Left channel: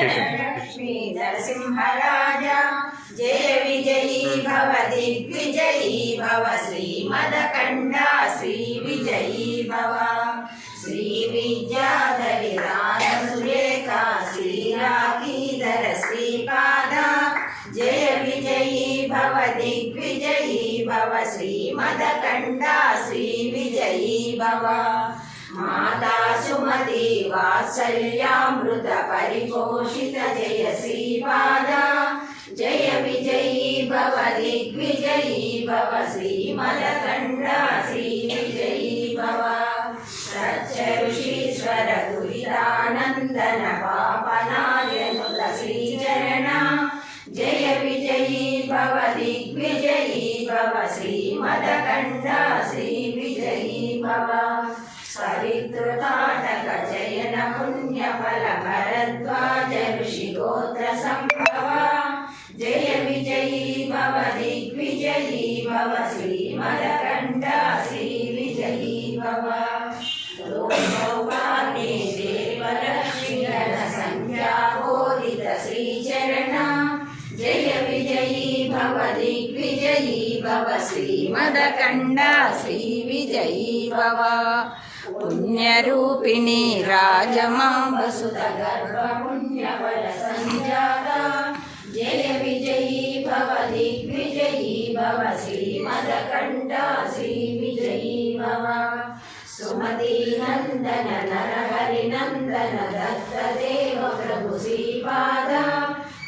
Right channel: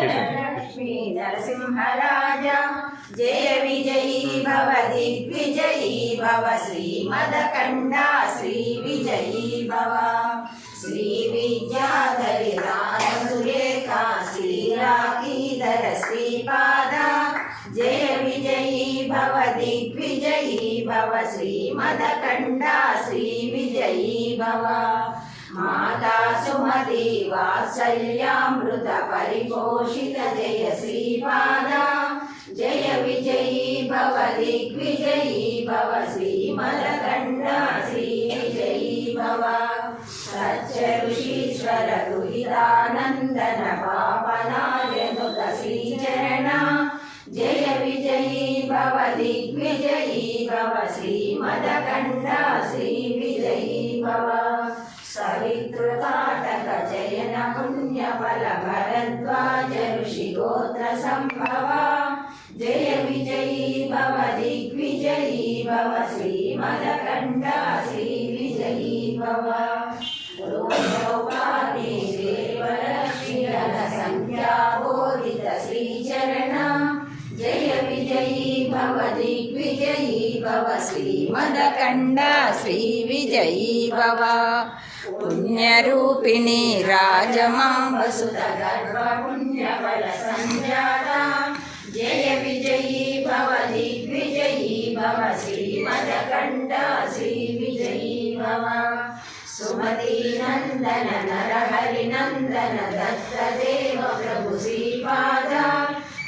लक्ष्मी नरसिंहराज जय विजयी भव दिग्विजयी भव श्रीमदकंड श्री विजयी भव श्री विद्याधरी सुरेखा श्रीराकीधर श्रीपाद जय विजयी भव दिग्विजयी भव श्रीमदकंड श्री विजयी भव माता सुमति वात्सल्यामृत परिपोषित जय श्रीपाद जय विजयी भव दिग्विजयी भव श्रीमदकंड श्री विजयी भव सच्च ऋषीश्वर दुरितानंदन पापनाशनुत श्रीचरण जय विजयी भव दिग्विजयी भव श्रीमदकंड श्री विजयी भव सवितृताटक जयन पुण्य फल भरद्वाज ऋषि गोत्र संभव जय विजयी भव दिग्विजयी भव श्रीमदकंड श्री विजयी भव देवलक्ष्मीधर संख्या बोधित श्रीचरण जय विजयी भव दिग्विजयी भव श्रीमदकंड श्री विजयी भव पुण्यरूपिणी राजमांबसुत गर्भ पुण्यफल संजाता जय विजयी भव दिग्विजयी भव श्रीमदकंड श्री विजयी भव सुमति नंदन नरहरि नंदन दत्तदेव प्रभु श्रीपाद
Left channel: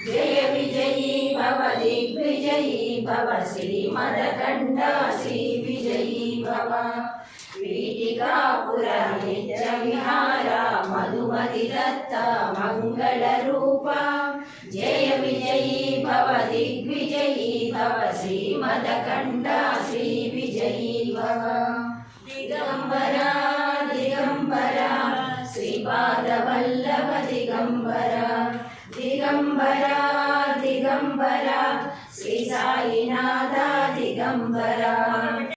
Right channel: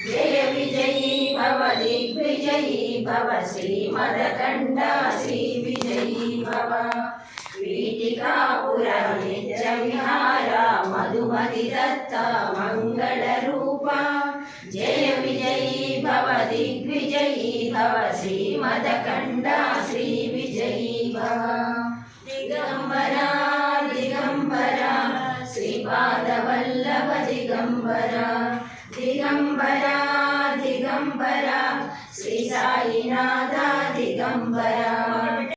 जय विजयी भव दिग्विजयी भव श्रीमदकंड श्री विजयी भव पीठिकापुर नित्य विहारा मधुमति दत्त मंगल रूपा जय विजयी भव दिग्विजयी भव श्रीमदकंड श्री विजयी भव दिगंबरा दिगंबरा श्रीपाद वल्लभ दिगंबरा दिगंबरा दिगंबरा श्री साईनाथ दिगंबरा।